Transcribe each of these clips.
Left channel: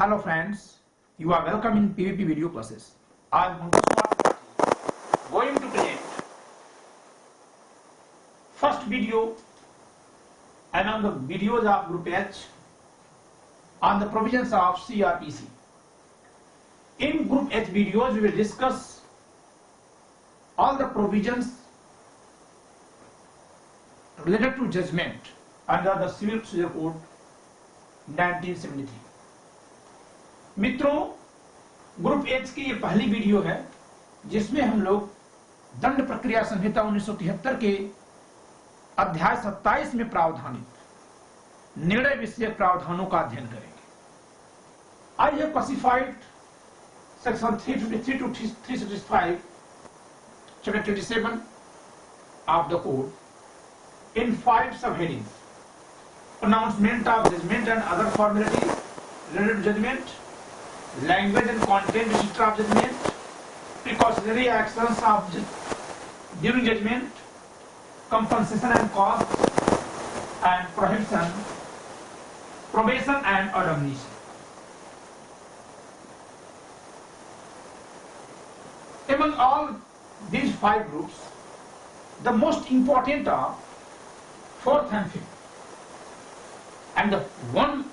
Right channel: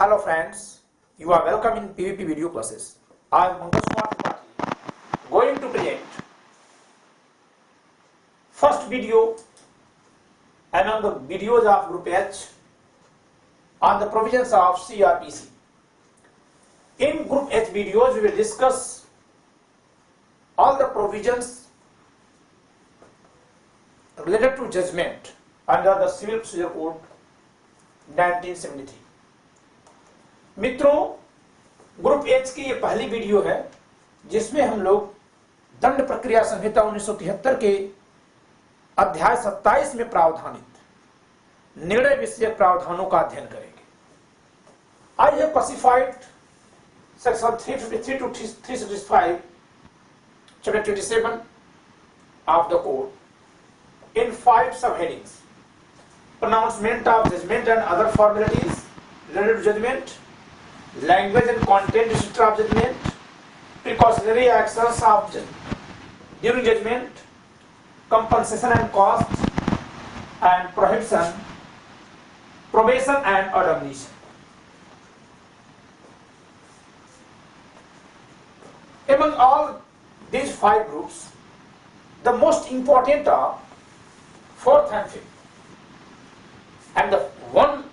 Hello friends, you are welcome in PVP video classes. I am Pankaj going to present first video among the videos of Group H on the provisions of Cr.P.C. In Group H videos we will discuss all the provisions related to judgment under the Civil Procedure Code 1973. मित्रों, group H की ये पहली video है जिसमें हम लोग दंड प्रक्रिया संहिता 1973 के अध्याय 27 में प्रावधानित निर्णय विषयक प्रावधानों का अध्ययन करेंगे। I have specified section 353 to 365 chapter 27 of the code in 5 subheadings: pronouncement of judgment and other formalities related to judgment, language and content of judgment, precautionary actions of during judgment, compensation and cost, and prohibition, probation and admonition. Among all these 5 groups, the most important are 4th and 5th, and the one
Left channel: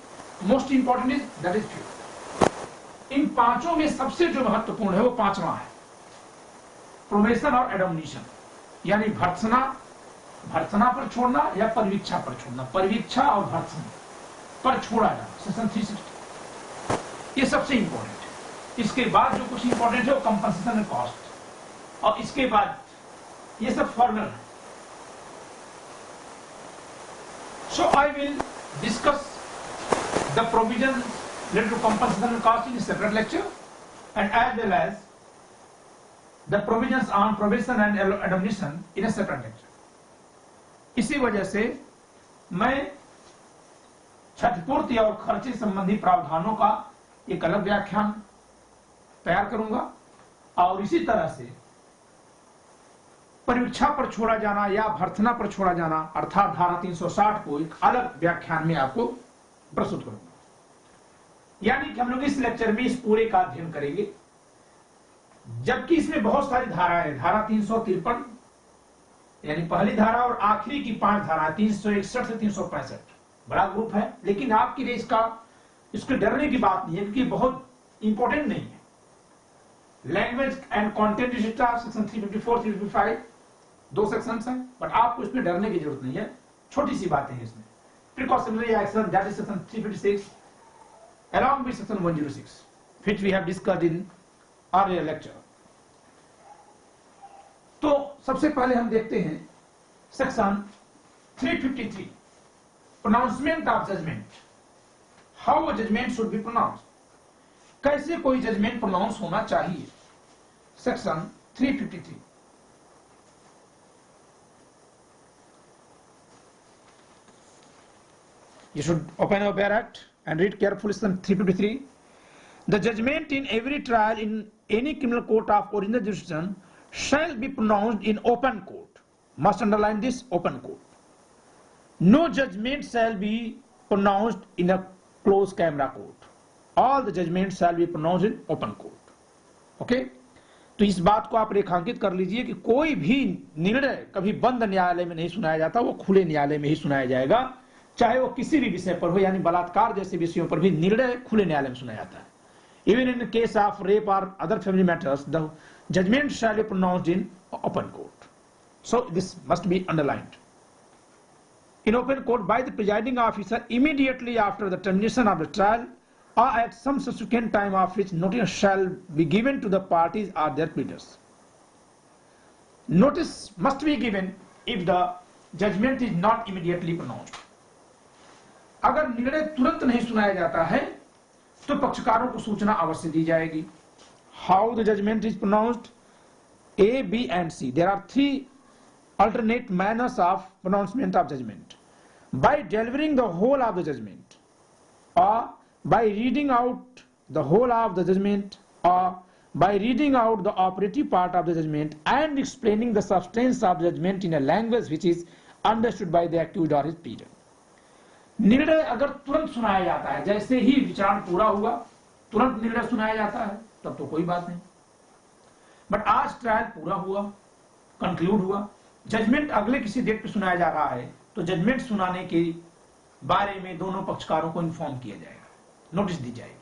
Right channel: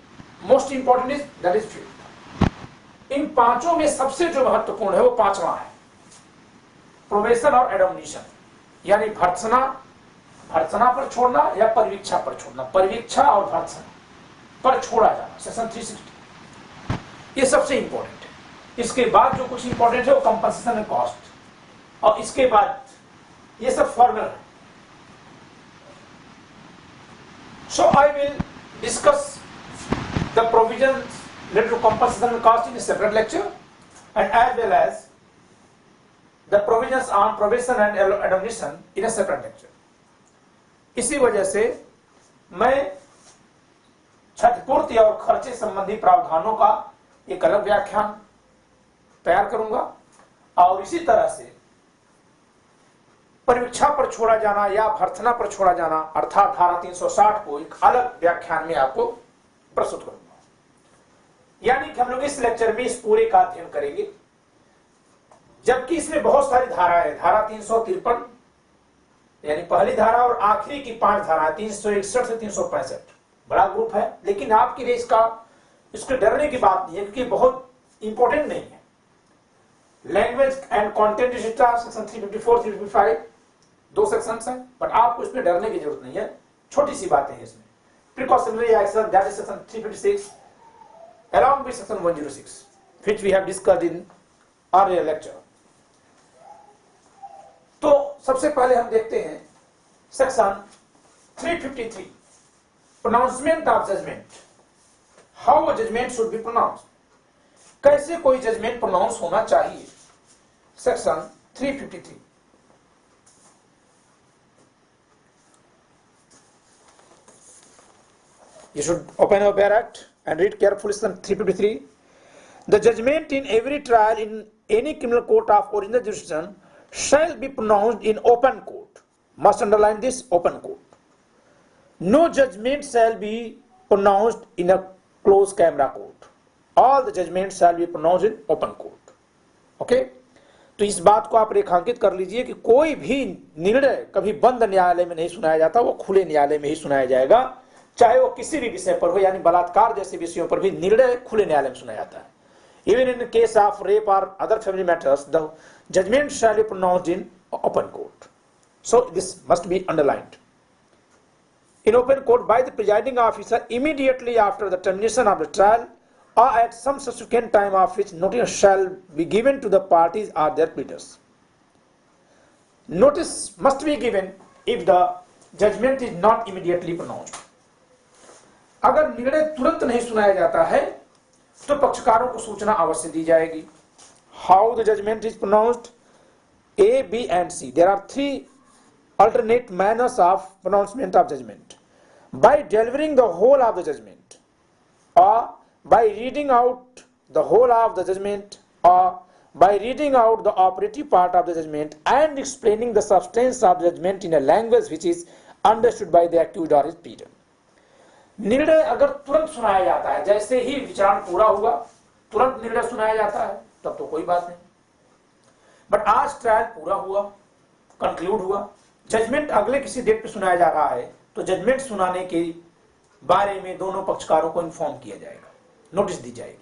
most important is that is 5th. इन पांचों में सबसे जो महत्वपूर्ण है वो पांचवा है, probation और एडमनिशन, यानी भर्त्सना पर छोड़ना या परिवीक्षा पर छोड़ना, परिवीक्षा और भर्त्सना पर छोड़ा जाना, सेक्शन 360, ये सबसे इंपॉर्टेंट है। इसके बाद जो कुछ इंपॉर्टेंट है वो कंपनसेशन एंड कॉस्ट, और इसके बाद ये सब फॉर्मल है। So I will discuss the provisions related to compensation and cost in a separate lecture, and as well as the provisions on probation and admonition in a separate lecture. इसी वजह से मैं क्षतिपूर्ति और खर्चे संबंधी प्रावधानों का एक अलग व्याख्यान तैयार करूंगा, और इसी तरह से परिवीक्षा पर छोड़ा जाना या भर्त्सना पर छोड़ा जाना अर्थात धारा 360 को एक अलग व्याख्यान में आपको प्रस्तुत करूंगा। यानी कि हम लोग इस लेक्चर में इस पूरे का अध्ययन करेंगे, जबकि इसमें बहुत सारी धाराएं हैं। धारा 353 यानी पहली धारा और आखिरी की 5 धाराएं 361 से 365, बड़ा ग्रुप है, लेकिन आपके लिए इसको डरने की बात नहीं है क्योंकि बहुत इंपॉर्टेंट नहीं है। Language and content section 354 355 2 sections हैं, बट आपको इसमें डरने की जरूरत नहीं है, छोटी सी बातें हैं इसमें। Precautionary action that is section 356 along with section 106 which we have discussed in earlier lecture. तो सबसे पहले हम देखते हैं section 353 pronouncement of judgment, how a judgment should be pronounced, कैसे कोई जजमेंट प्रोनाउंस होना चाहिए। Section 353 you should open your Bear Act and read carefully section 353. The judgment in every trial in any criminal court of original jurisdiction shall be pronounced in open court. Must underline this, open court. No judgment shall be pronounced in a closed camera court. All the judgments shall be pronounced in open court. Okay? तो इस बात को आप रेखांकित कर लीजिए कि कोई भी निर्णय कभी बंद न्यायालय में नहीं सुनाया जाता, वो खुले न्यायालय में ही सुनाया जाएगा, चाहे वो किसी भी विषय पर हो, यानी बलात्कार जैसे विषयों पर भी निर्णय खुले न्यायालय में सुनाया जाता है। Even in case of rape or other family matters the judgement shall be pronounced in open court, so this must be underlined. In open court by the presiding officer immediately after the termination of the trial or at some subsequent time of which notice shall be given to the parties or their pleaders. Notice must be given if the judgment is not immediately pronounced. अगर निर्णय तुरंत नहीं सुनाया जाता है तो पक्षकारों को सूचना अवश्य दी जाएगी। How the judgment is pronounced? A, B and C. There are 3 alternate manners of pronouncement of judgment. By delivering the whole of the judgment, or by reading out the whole of the judgment, or by reading out the operative part of the judgment and explaining the substance of the judgment in a language which is understood by the accused or his pleader. निर्णय अगर तुरंत सुनाया जाता है, जैसे ही विचारण पूरा हुआ तुरंत निर्णय सुनाया जाता है, तब तो कोई बात नहीं। बट आज ट्रायल पूरा हुआ, कंक्लूड हुआ, जजमेंट अगले किसी डेट पे सुनाया जा रहा है, तो जजमेंट सुनाने के बारे में दोनों पक्षकारों को इन्फॉर्म किया जाएगा, नोटिस दी जाएगी।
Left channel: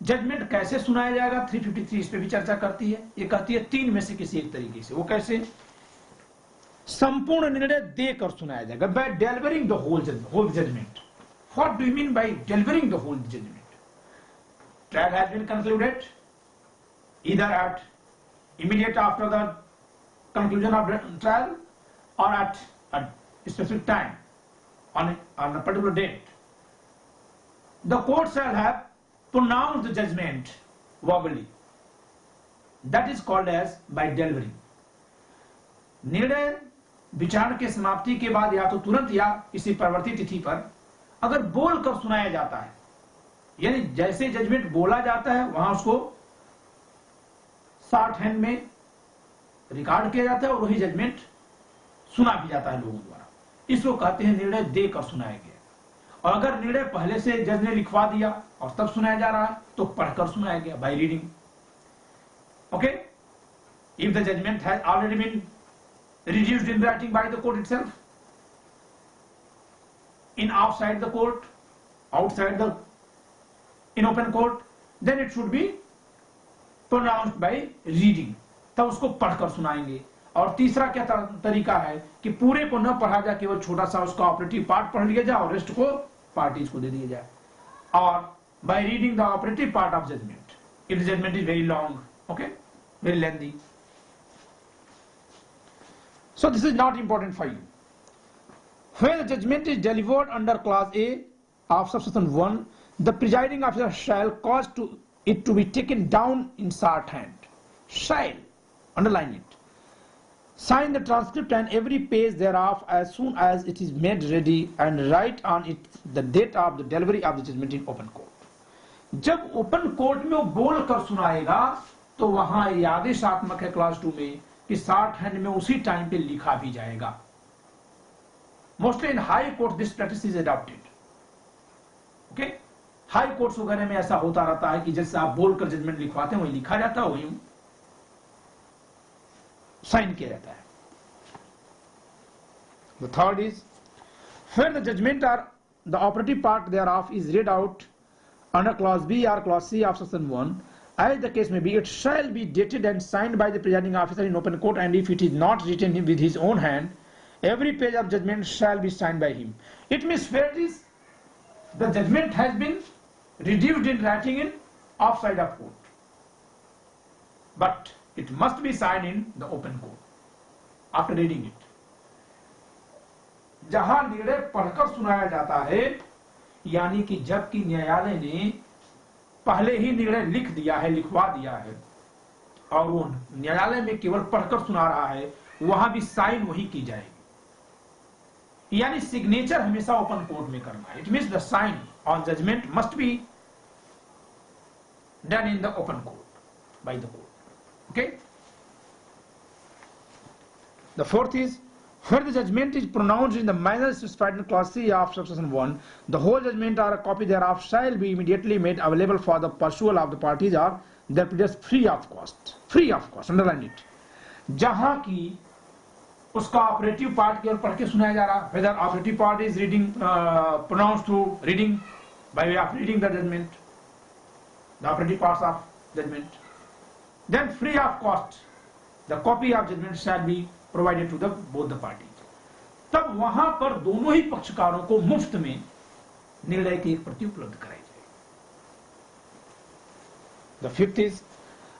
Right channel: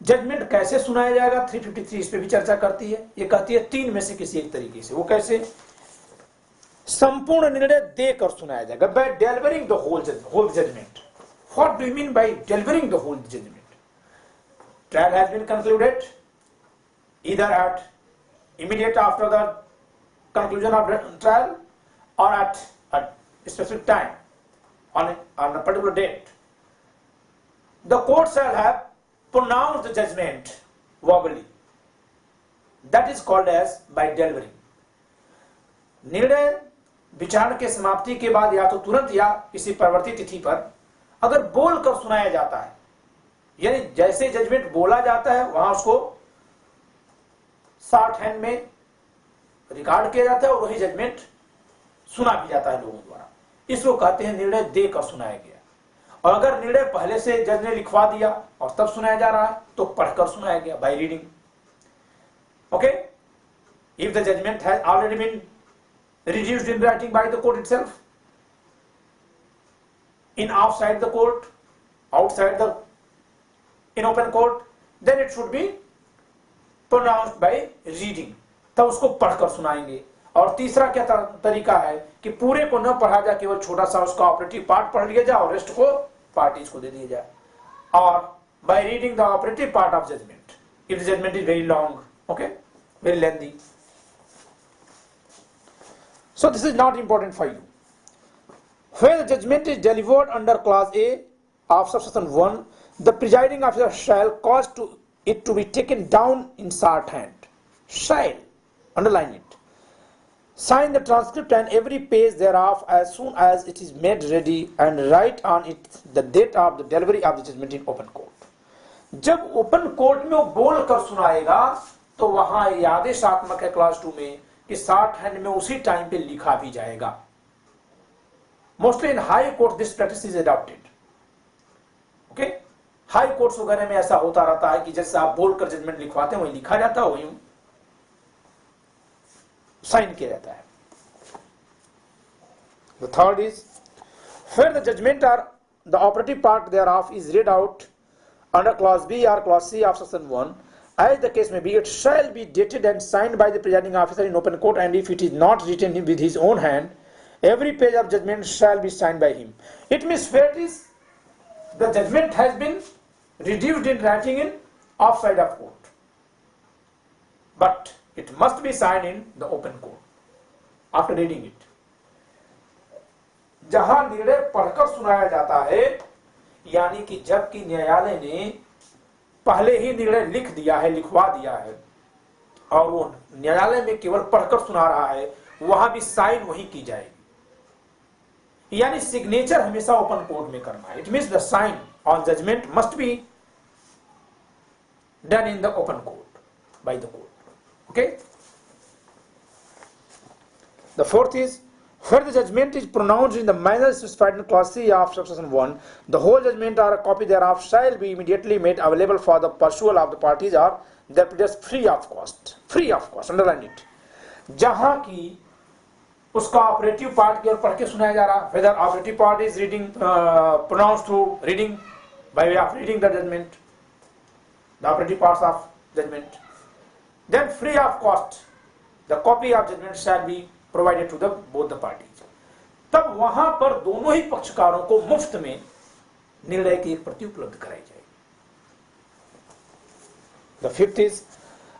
जजमेंट कैसे सुनाया जाएगा, 353 इस पे भी चर्चा करती है। ये कहती है 3 में से किसी एक तरीके से। वो कैसे? संपूर्ण निर्णय देकर सुनाया जाएगा, by delivering the whole judgment. What do you mean by delivering the whole judgment? Trial has been concluded either at immediate after the conclusion of trial or at a specific time on a particular date. The court shall have pronounced the judgment verbally. That is called as by delivering. निर्णय विचारण के समाप्ति के बाद या तो तुरंत या किसी परवर्ती तिथि पर अगर बोलकर सुनाया जाता है, यानी जैसे जजमेंट बोला जाता है वहां उसको शॉर्ट हैंड में रिकॉर्ड किया जाता है और वही जजमेंट सुना भी जाता है लोगों द्वारा। इसको कहते हैं निर्णय देकर सुनाया गया। और अगर निर्णय पहले से जज ने लिखवा दिया और तब सुनाया जा रहा है तो पढ़कर सुनाया गया, by reading. Okay, if the judgment has already been reduced in writing by the court itself, in outside the court, outside the in open court, then it should be pronounced by reading, तब उसको पढ़कर सुनाएंगे। और तीसरा क्या तरीका है कि पूरे को न पढ़ा जाए, केवल छोटा सा उसका ऑपरेटिव पार्ट पढ़ लिया जाए और रेस्ट को पार्टीज को दे दिया जाए। और by reading the operative part of judgment, if the judgment is very long, okay, very lengthy. So this is not important for you. Where the judgment is delivered under clause A of subsection 1, the presiding officer shall cause it to be taken down in shorthand. Shall, underline it. Sign the transcript and every page thereof as soon as it is made ready and write on it the date of the delivery of the judgment in open court. जब open court में वो बोल कर सुनाएगा तो वहां ये आदेशात्मक है क्लास 2 में कि शॉर्ट हैंड में उसी टाइम पे लिखा भी जाएगा। Mostly in high court this practice is adopted. Okay, high courts वगैरह में ऐसा होता रहता है कि जैसे आप बोलकर जजमेंट लिखवाते हैं वही लिखा जाता है, वही साइन किया जाता है। The third is where the judgment or the operative part thereof is read out under clause B or clause C of section 1, as the case may be, it shall be dated and signed by the presiding officer in open court, and if it is not written with his own hand, every page of judgment shall be signed by him. It means where it is, the judgment has been reduced in writing in offside of court, but it must be signed in the open court after reading it. जहां निर्णय पढ़कर सुनाया जाता है, यानी कि जबकि न्यायालय ने पहले ही निर्णय लिख दिया है, लिखवा दिया है, और वो न्यायालय में केवल पढ़कर सुना रहा है, वहां भी साइन वही की जाएगी। यानी सिग्नेचर हमेशा ओपन कोर्ट में करना है। It means the sign on judgment must be done in the open court by the court. Okay, the fourth is where the judgment is pronounced in the manner specified in clause C of subsection 1, the whole judgment or a copy thereof shall be immediately made available for the pursual of the parties or their pleaders free of cost. Free of cost, underline it. जहां की उसका operative part केवल पढ़ के सुनाया जा रहा, whether operative part is reading pronounced through reading by way of reading the judgment, the operative parts of judgment, then free of cost the copy of judgment shall be provided to the both the parties. तब वहां पर दोनों ही पक्षकारों को मुफ्त में निर्णय की एक प्रति उपलब्ध कराई जाएगी। The fifth is,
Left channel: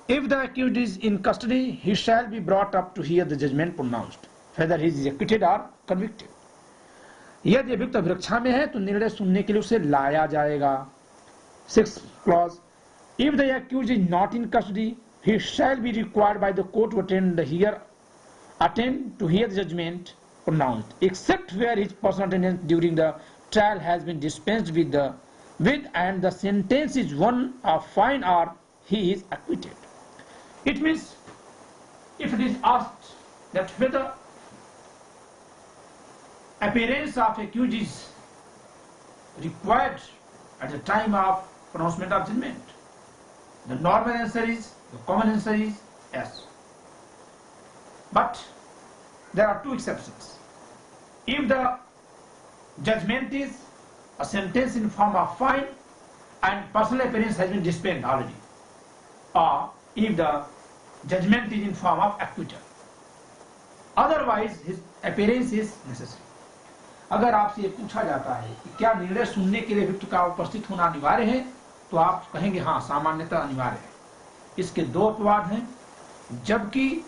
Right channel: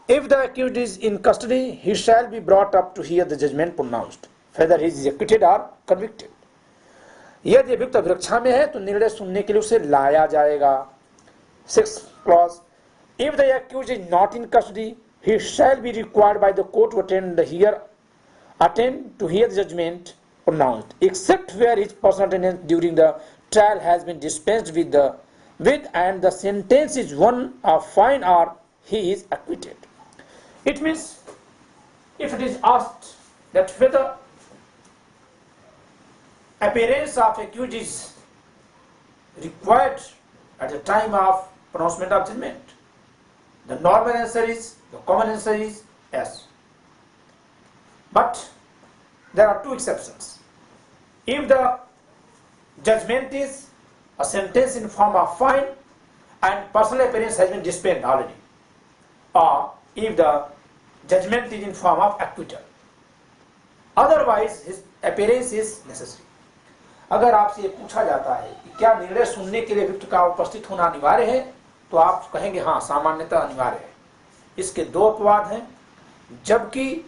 if the accused is in custody, he shall be brought up to hear the judgment pronounced, whether he is acquitted or convicted. यदि अभियुक्त अभिरक्षा में है तो निर्णय सुनने के लिए उसे लाया जाएगा। Sixth clause, if the accused is not in custody, he shall be required by the court to attend to hear the judgment pronounced, except where his personal attendance during the trial has been dispensed with and the sentence is one of fine or he is acquitted. It means if it is asked that whether appearance of accused is required at the time of pronouncement of judgment, The normal answer is, the common answer is yes. But there are two exceptions. If the judgment is a sentence in form of fine and personal appearance has been dispensed already, or if the judgment is in form of acquittal, otherwise his appearance is necessary. अगर आपसे ये पूछा जाता है कि क्या निर्णय सुनने के लिए विक्टिम का उपस्थित होना अनिवार्य है, तो आप कहेंगे हाँ, सामान्यतः अनिवार्य है। इसके दो अपवाद हैं, जबकि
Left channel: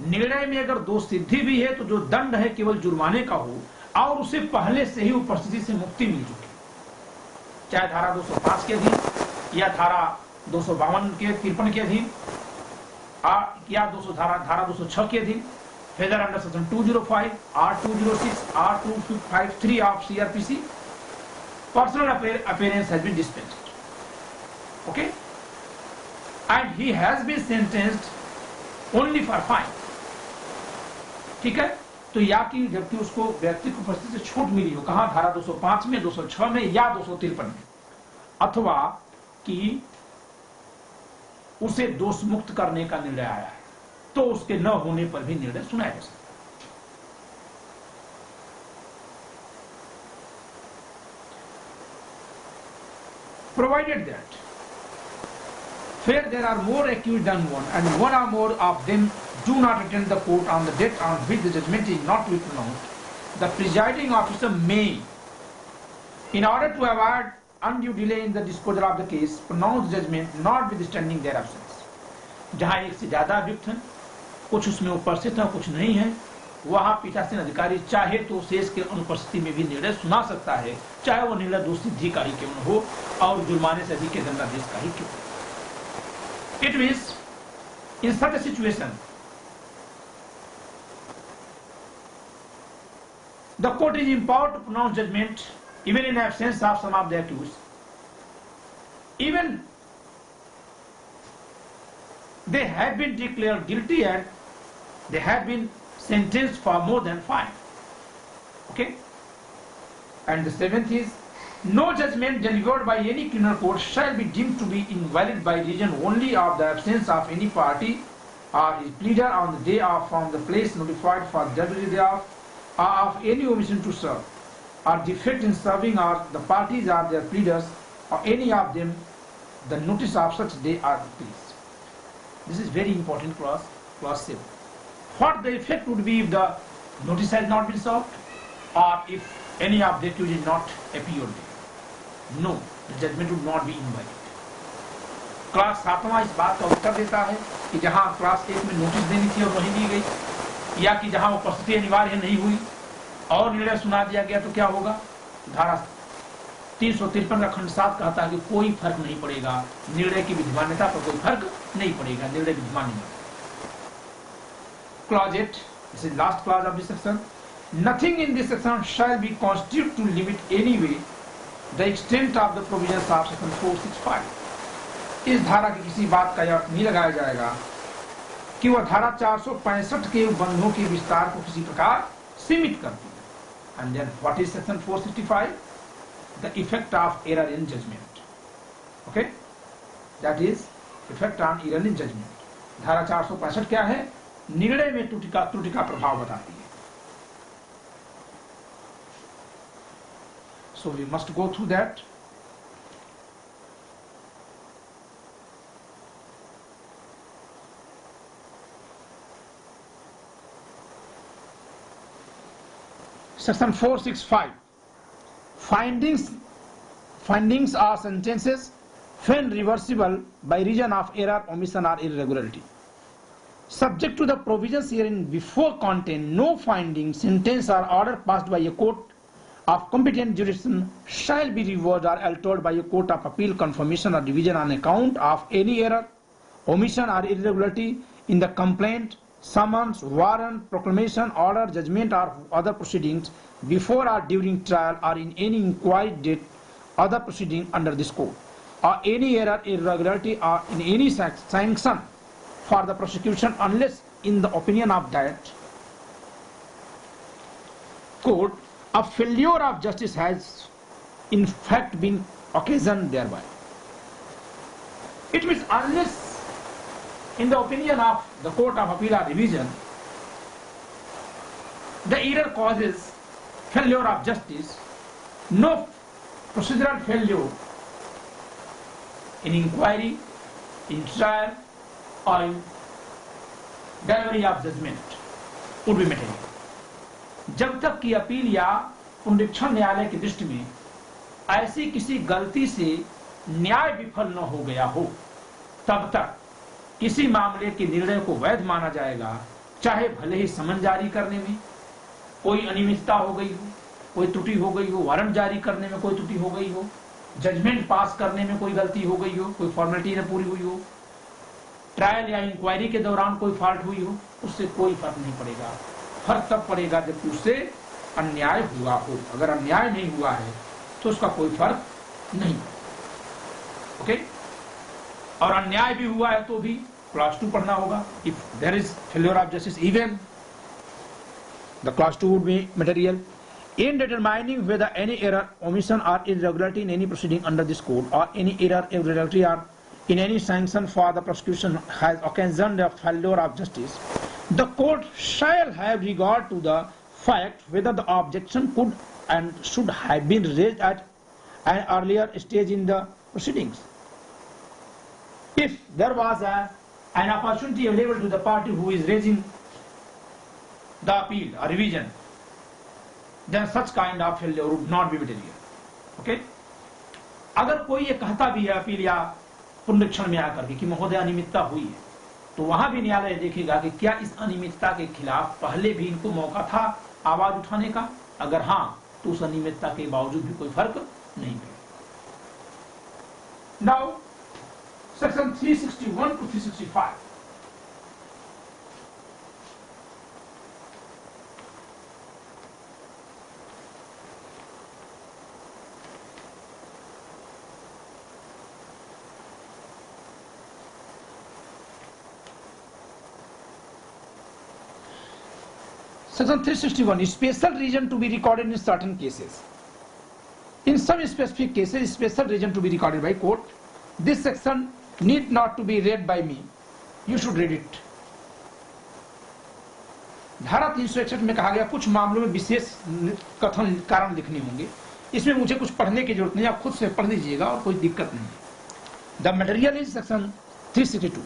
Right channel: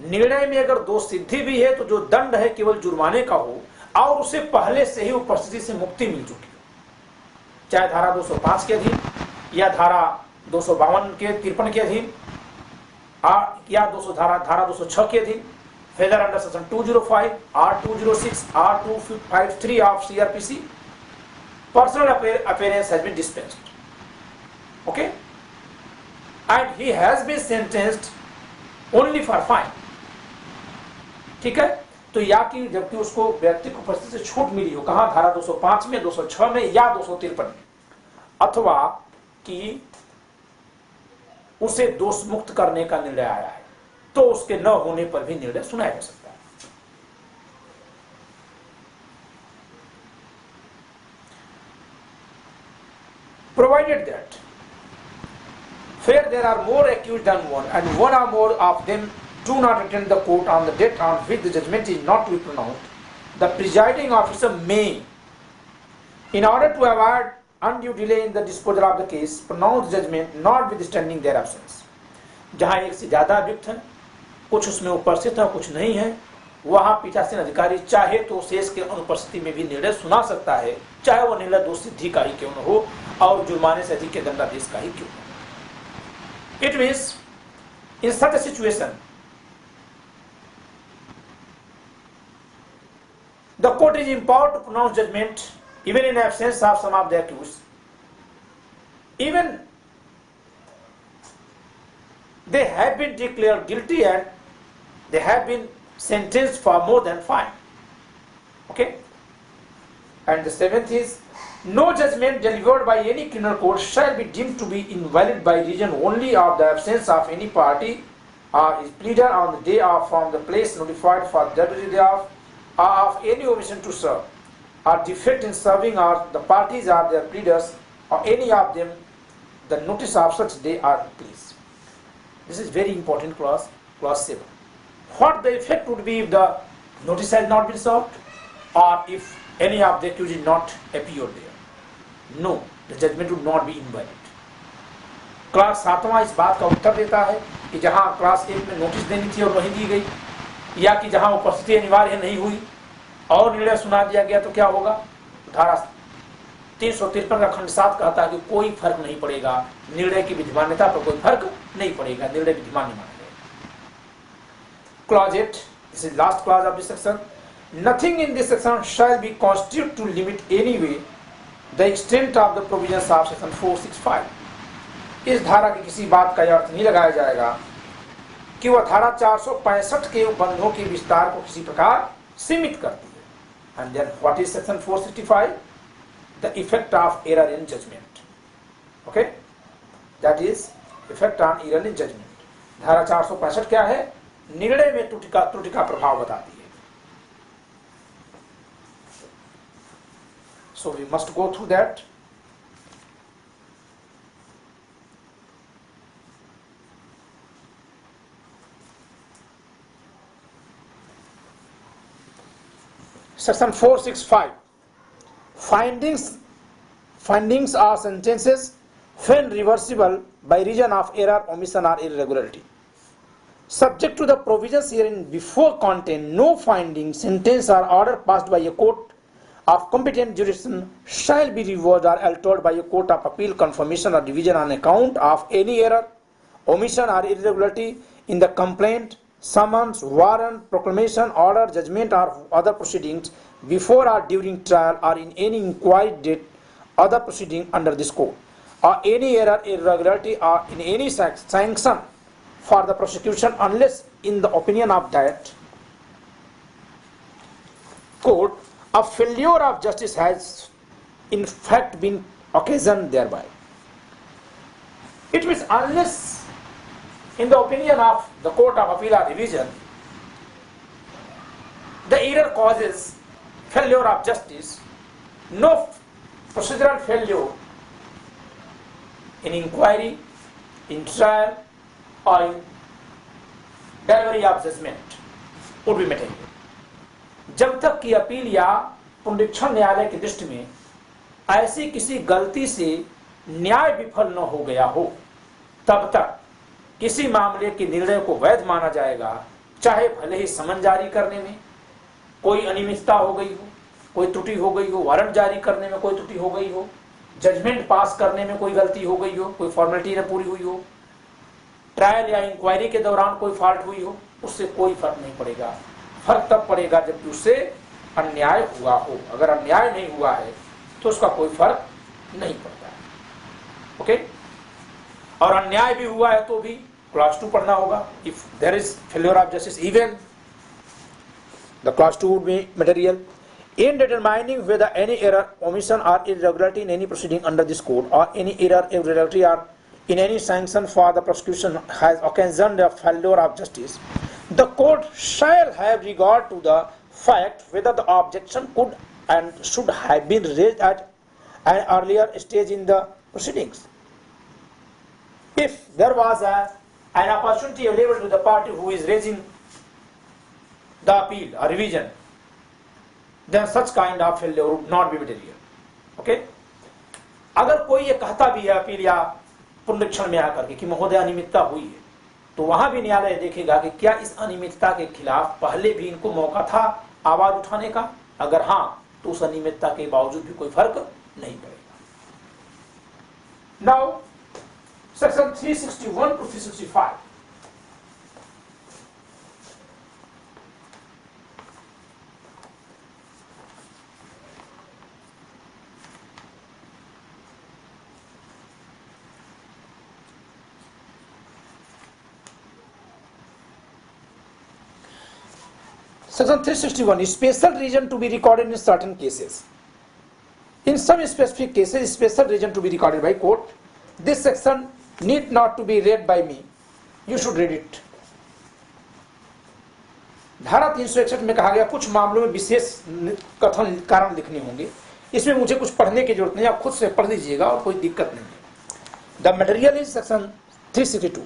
निर्णय में अगर दोष सिद्धि भी है तो जो दंड है केवल जुर्माने का हो और उसे पहले से ही उपस्थिति से मुक्ति मिल चुकी, चाहे धारा 205 के अधीन या धारा 252 के 53 के अधीन या धारा 206 के अधीन, whether under section 205 or 206 or 253 of CRPC, personal appearance has been dispensed. Okay, and he has been sentenced only for fine. ठीक है, तो या कि जबकि उसको व्यक्ति की उपस्थिति से छूट मिली हो, कहाँ, धारा 205 में, 206 में या 253 में, अथवा कि उसे दोष मुक्त करने का निर्णय आया है, तो उसके न होने पर भी निर्णय सुनाया जा सकता है। Provided that where there are more accused than one and one or more of them do not attend the court on the date on which the judgment is not to be pronounced, the presiding officer may, in order to avoid undue delay in the disposal of the case, pronounce judgment notwithstanding their absence. जहां एक से ज्यादा अभियुक्त हैं, कुछ उसमें उपस्थित हैं, कुछ नहीं है, वहां पीठासीन अधिकारी चाहे तो शेष के अनुपस्थिति में भी निर्णय सुना सकता है, चाहे वो निर्णय दोष सिद्धि का ही क्यों न हो और जुर्माने से अधिक के दंडादेश का ही क्यों। It means in such a situation the court is empowered to pronounce judgment even in absence of some of the accused, even they have been declared guilty and they have been sentenced for more than fine. Okay, and the seventh is, no judgment delivered by any criminal court shall be deemed to be invalid by reason only of the absence of any party or his pleader on the day of from the place notified for the delivery thereof, or of any omission to serve, or defect in serving, or the parties or their pleaders, or any of them, the notice of such day are pleased. This is very important clause, clause 7. What the effect would be if the notice has not been served, or if any of the accused did not appear there? No, the judgment would not be invalid. Class 7वां इस बात का उत्तर देता है कि जहां class 1 में notice देनी थी और नहीं दी गई, या कि जहां उपस्थिति अनिवार्य नहीं हुई और निर्णय सुना दिया गया, तो क्या होगा। धारा 353 का खंड 7 कहता है कि कोई फर्क नहीं पड़ेगा, निर्णय की विधिमान्यता पर कोई फर्क नहीं पड़ेगा, निर्णय विधिमान नहीं मानेगा। Clause 8, this is last clause of this section. Nothing in this section shall be constituted to limit any way the extent of the provisions of section 465. इस धारा की किसी बात का यह अर्थ नहीं लगाया जाएगा कि वह धारा 465 के बंधों के विस्तार को किसी प्रकार सीमित करती है। And then what is section 465? The effect of error in judgment. Okay, that is effect on error in judgment. धारा 465 क्या है? निर्णय में त्रुटि का प्रभाव बताती है। So we must go through that. Section 465. Findings are sentences when reversible by reason of error, omission or irregularity. Subject to the provisions herein before contained, no finding, sentence or order passed by a court of competent jurisdiction shall be reversed or altered by a court of appeal, confirmation or division on account of any error, omission or irregularity in the complaint, summons, warrant, proclamation, order, judgment or other proceedings before or during trial or in any inquiry date other proceeding under this code, or any error, irregularity or in any sanction for the prosecution unless in the opinion of that court a failure of justice has in fact been occasioned thereby. It means unless, in the opinion of the Court of Appeal or Revision, the error causes failure of justice, no procedural failure in inquiry, in trial, or in delivery of judgment would be material. जब तक कि appeal या पुनरीक्षण न्यायालय की दृष्टि में ऐसी किसी गलती से न्याय विफल न हो गया हो, तब तक किसी मामले के निर्णय को वैध माना जाएगा, चाहे भले ही समन जारी करने में कोई अनियमितता हो गई हो, कोई त्रुटि हो गई हो, वारंट जारी करने में कोई त्रुटि हो गई हो, जजमेंट पास करने में कोई गलती हो गई हो, कोई फॉर्मेलिटी न पूरी हुई हो, ट्रायल या इंक्वायरी के दौरान कोई फॉल्ट हुई हो, उससे कोई फर्क नहीं पड़ेगा। फर्क तब पड़ेगा जबकि उससे अन्याय हुआ हो। अगर अन्याय नहीं हुआ है तो उसका कोई फर्क नहीं पड़ेगा। ओके, और अन्याय भी हुआ है तो भी क्लास 2 पढ़ना होगा। If there is failure of justice even the class 2 would be material in determining whether any error, omission or irregularity in any proceeding under this code or any error, irregularity or in any sanction for the prosecution has occasioned a failure of justice, the court shall have regard to the fact whether the objection could and should have been raised at an earlier stage in the proceedings. If there was an opportunity available to the party who is raising the appeal or revision, then such kind of failure would not be material. Okay? अगर कोई ये कहता भी है appeal या पुनरीक्षण में आकर के कि महोदय अनियमितता हुई है, तो वहां भी न्यायालय देखेगा कि क्या इस अनियमितता के खिलाफ पहले भी इनको मौका था आवाज उठाने का। अगर हाँ, तो उस अनियमितता के बावजूद भी कोई फर्क नहीं पड़ेगा। Now section 361 to 365, Section 361 special reason to be recorded in certain cases. In some specific cases, special reason to be recorded by court. This section need not to be read by me. You should read it. धारा 361 में कहा गया कुछ मामलों में विशेष कथन कारण लिखने होंगे। इसमें मुझे कुछ पढ़ने की जरूरत नहीं, आप खुद से पढ़ लीजिएगा और कोई दिक्कत नहीं है। द मटेरियल इज सेक्शन 362,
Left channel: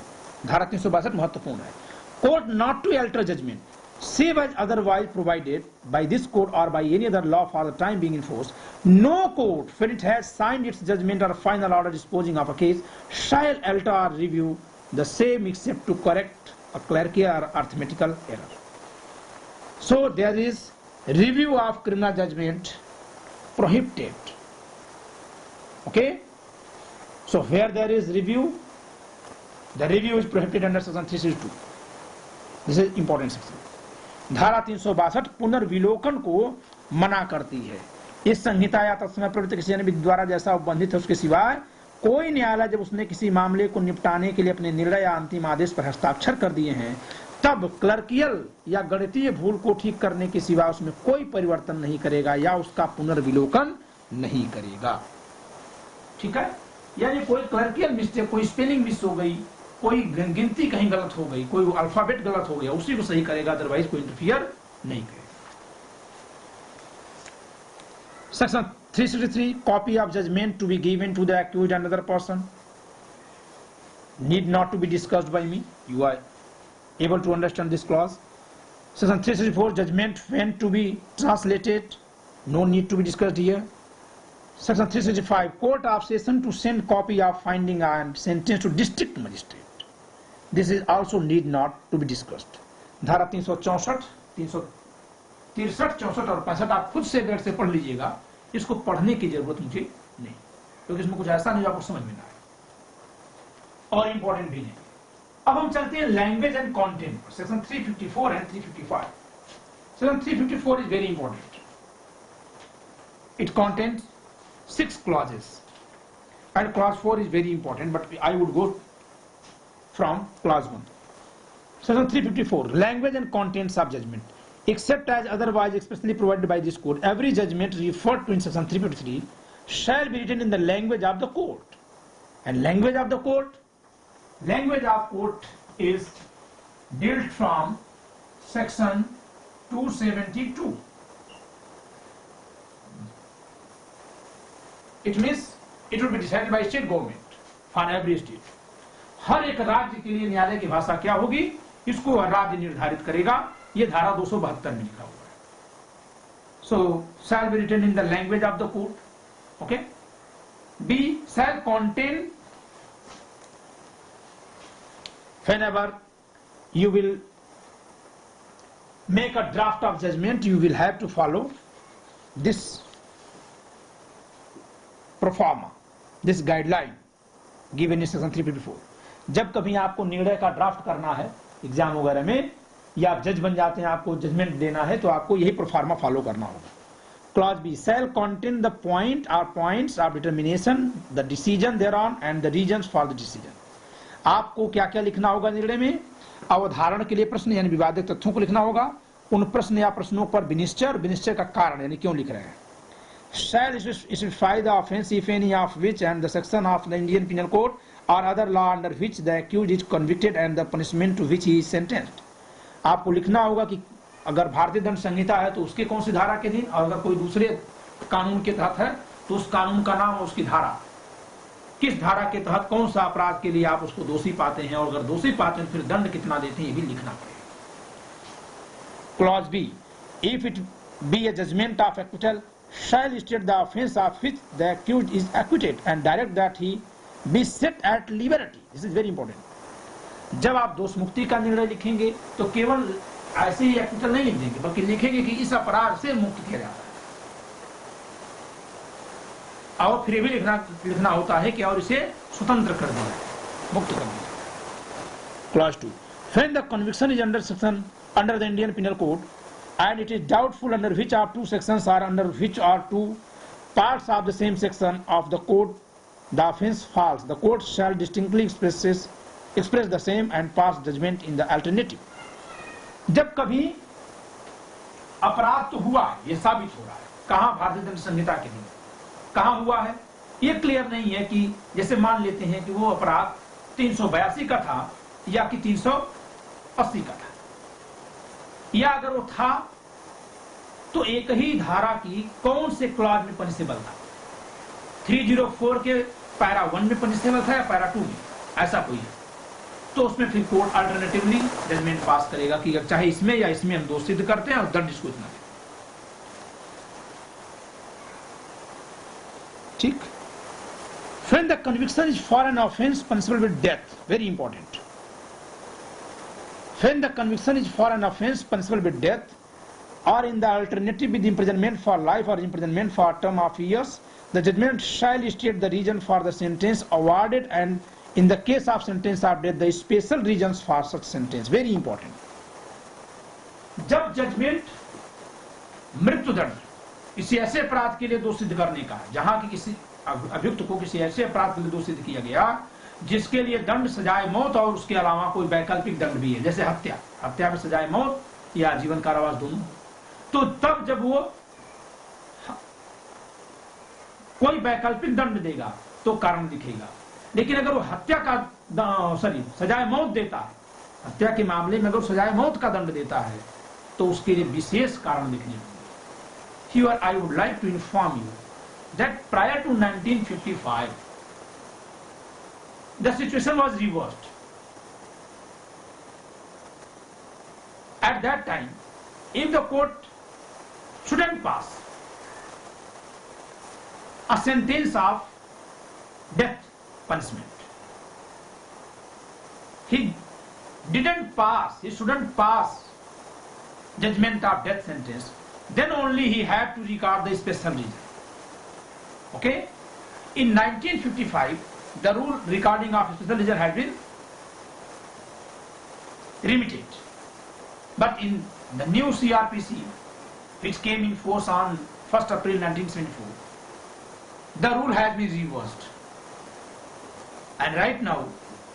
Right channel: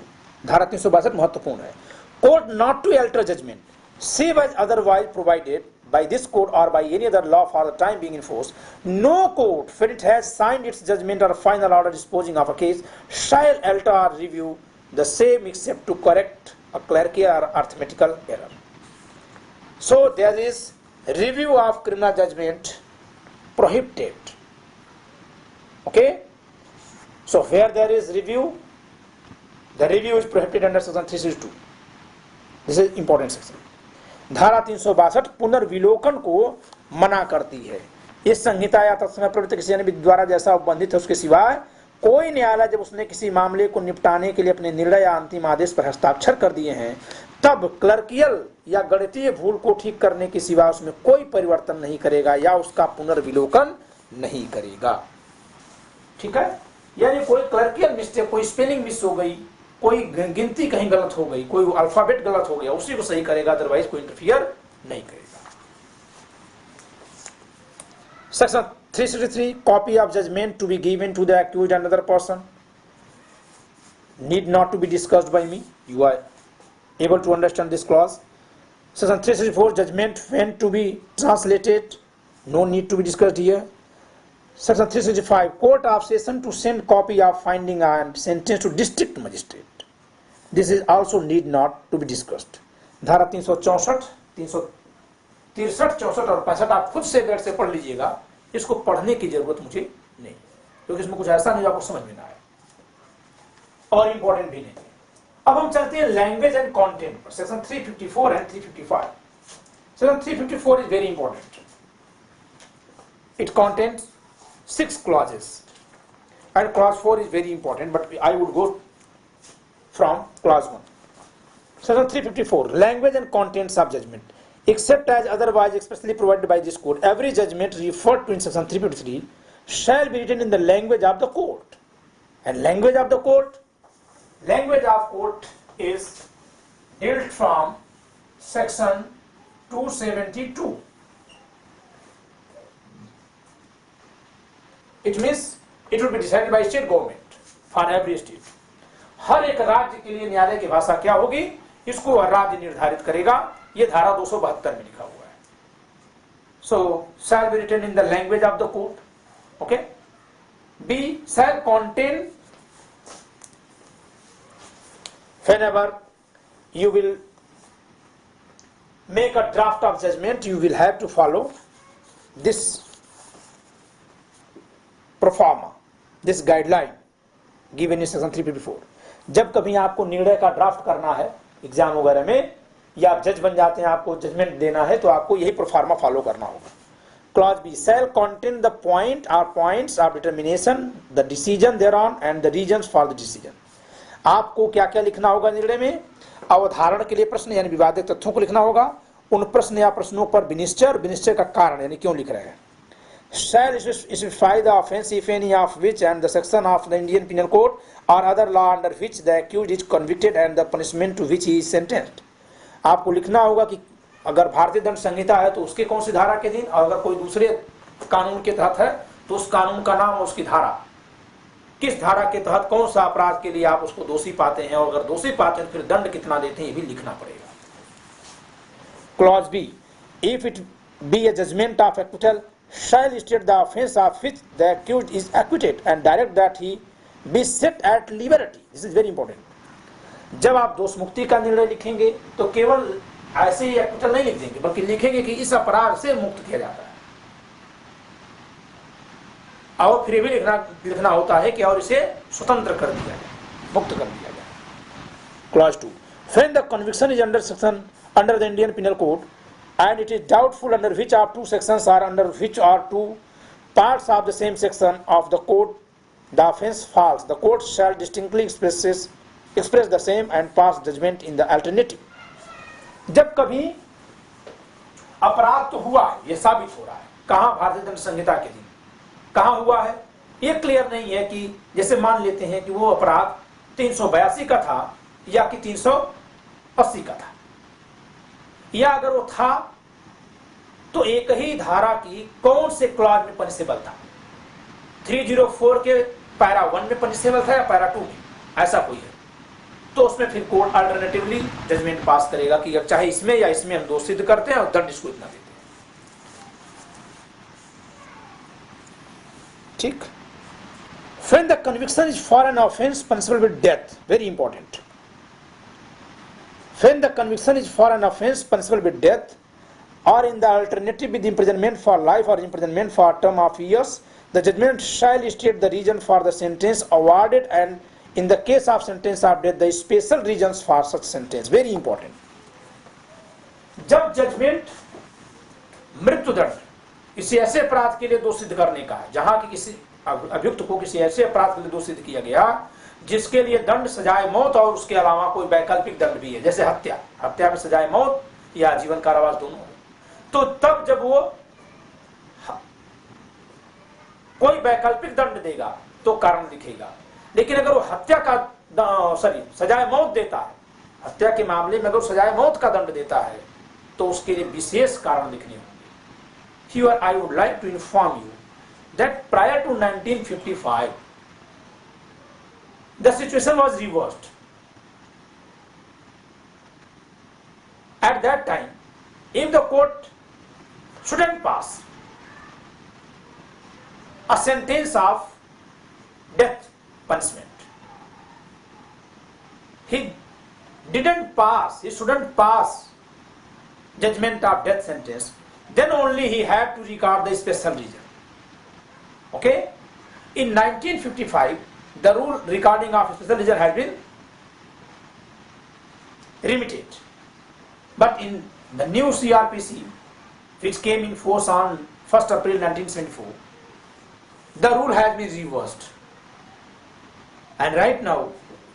धारा 362 महत्वपूर्ण है। Court not to alter judgment save as otherwise provided by this court or by any other law for the time being enforced, no court, when it has signed its judgment or final order disposing of a case, shall alter or review the same except to correct a clerical or arithmetical error. So there is review of criminal judgment prohibited. Okay? So where there is review, the review is prohibited under section 362. This is important section. धारा 362 पुनर्विलोकन को मना करती है। इस संहिता या तत्समय प्रवृत्ति किसी अन्य विधि द्वारा जैसा उपबंधित है उसके सिवाय कोई न्यायालय जब उसने किसी मामले को निपटाने के लिए अपने निर्णय या अंतिम आदेश पर हस्ताक्षर कर दिए हैं, तब क्लर्कियल या गणितीय भूल को ठीक करने के सिवा उसमें कोई परिवर्तन नहीं करेगा या उसका पुनर्विलोकन नहीं करेगा। ठीक है, यानी कोई क्लर्कियल मिस्टेक, कोई स्पेलिंग मिस हो गई, कोई गिनती कहीं गलत हो गई, कोई अल्फाबेट गलत हो गया, उसी को सही करेगा, अदरवाइज कोई इंटरफियर नहीं करेगा। Section 363 copy of judgment to be given to the accused and other person need not to be discussed by me. You are able to understand this clause. Section 364 judgment when to be translated, no need to be discussed here. Section 365 Court of Session to send copy of finding and sentence to district magistrate. This is also need not to be discussed. धारा 364, 363, 64 और 65 आप खुद से बैठ से पढ़ लीजिएगा। इसको पढ़ने की जरूरत मुझे नहीं, क्योंकि इसमें कुछ ऐसा नहीं आपको समझ में ना आए और इंपॉर्टेंट भी नहीं। अब हम चलते हैं लैंग्वेज एंड कंटेंट पर। Section 354 and 355। Section 354 is very important. It contains 6 clauses and clause 4 is very important, but I would go from clause 1. Section 354 language and contents of judgment. Except as otherwise expressly provided by this code, every judgment referred to in section 353 shall be written in the language of the court. And language of the court Language of court is dealt from section 272. It means it will be decided by state government for every state. हर एक राज्य के लिए न्यायालय की भाषा क्या होगी, इसको हर राज्य निर्धारित करेगा. ये धारा 272 में लिखा हुआ है. So shall be written in the language of the court. Okay. B, shall contain. Whenever you will make a draft of judgment, you will have to follow this proforma, this guideline given in section 354. जब कभी आपको निर्णय का draft करना है exam वगैरह में, या आप जज बन जाते हैं, आपको जजमेंट देना है, तो आपको यही प्रोफार्मा फॉलो करना होगा. Clause B, shall contain the point or points of determination, the decision thereon and the reasons for the decision. आपको क्या क्या लिखना होगा निर्णय में? अवधारण के लिए प्रश्न यानी विवादित तथ्यों को लिखना होगा, उन प्रश्न या प्रश्नों पर विनिश्चय और विनिश्चय का कारण यानी क्यों लिख रहे हैं. Shall specify the offence if any of which and the section of the Indian Penal Code or other law under which the accused is convicted and the punishment to which he is sentenced. आपको लिखना होगा कि अगर भारतीय दंड संहिता है तो उसके कौन सी धारा के दिन, और अगर कोई दूसरे कानून के तहत है तो उस कानून का नाम और उसकी धारा, किस धारा के तहत कौन सा अपराध के लिए आप उसको दोषी पाते हैं, और अगर दोषी पाते हैं तो फिर दंड कितना देते हैं, ये भी लिखना पड़ेगा. Clause B, if it be a judgment of acquittal shall state the offence of which the accused is acquitted and direct that he be set at liberty. This is very important. जब आप दोष मुक्ति का निर्णय लिखेंगे तो केवल ऐसे ही एक्विटल नहीं लिख देंगे, बल्कि लिखेंगे कि इस अपराध से मुक्त किया जाता है, और फिर भी लिखना होता है कि और इसे स्वतंत्र कर दिया जाए, मुक्त कर दिया जाए. Clause 2, when the conviction is under the Indian Penal Code and it is doubtful under which of two sections or under which are two parts of the same section of the code the offence falls, the court shall distinctly express the same and pass judgment in the alternative. जब कभी अपराध तो हुआ है, ये साबित हो रहा है, कहां? भारतीय दंड संहिता के दिन कहां हुआ है ये क्लियर नहीं है, कि जैसे मान लेते हैं कि वो अपराध 382 का था या कि 380 का था, या अगर वो था तो एक ही धारा की कौन से क्लॉज में पनिशेबल था, 304 के पैरा 1 में पनिशेबल था या पैरा 2 में, ऐसा कोई है, तो उसमें फिर कोर्ट अल्टरनेटिवली जजमेंट पास करेगा कि चाहे इसमें या इसमें हम दोष सिद्ध करते हैं और दंड इसको इतना देते हैं. ठीक. When the conviction is for an offence punishable with death, very important. When the conviction is for an offence punishable with death, or in the alternative with imprisonment for life or imprisonment for a term of years, the judgment shall state the reason for the sentence awarded and in the case of sentence of death the special reasons for such sentence. Very important. जब judgement मृत्युदंड किसी ऐसे अपराध के लिए दोष सिद्ध करने का, जहां की किसी अभियुक्त को किसी ऐसे अपराध के लिए दोष सिद्ध किया गया जिसके लिए दंड सजाए मौत और उसके अलावा कोई वैकल्पिक दंड भी है, जैसे हत्या में सजाए मौत या जीवन कारावास दोनों, तो तब जब वो कोई वैकल्पिक दंड देगा तो कारण लिखेगा. लेकिन अगर वो हत्या का सजाए मौत देता है, हत्या के मामले में अगर सजाए मौत का दंड देता है तो उसके लिए विशेष कारण लिखने होंगे. Here I would like to inform you that prior to 1955 the situation was reversed. At that time, if the court shouldn't pass a sentence of death punishment, he shouldn't pass judgment of death sentence, then only he had to record the special reason. Okay? In 1955, the rule recording of special reason had been remitted. But in the new Cr.P.C, which came in force on 1st April 1974, the rule has been reversed. And right now,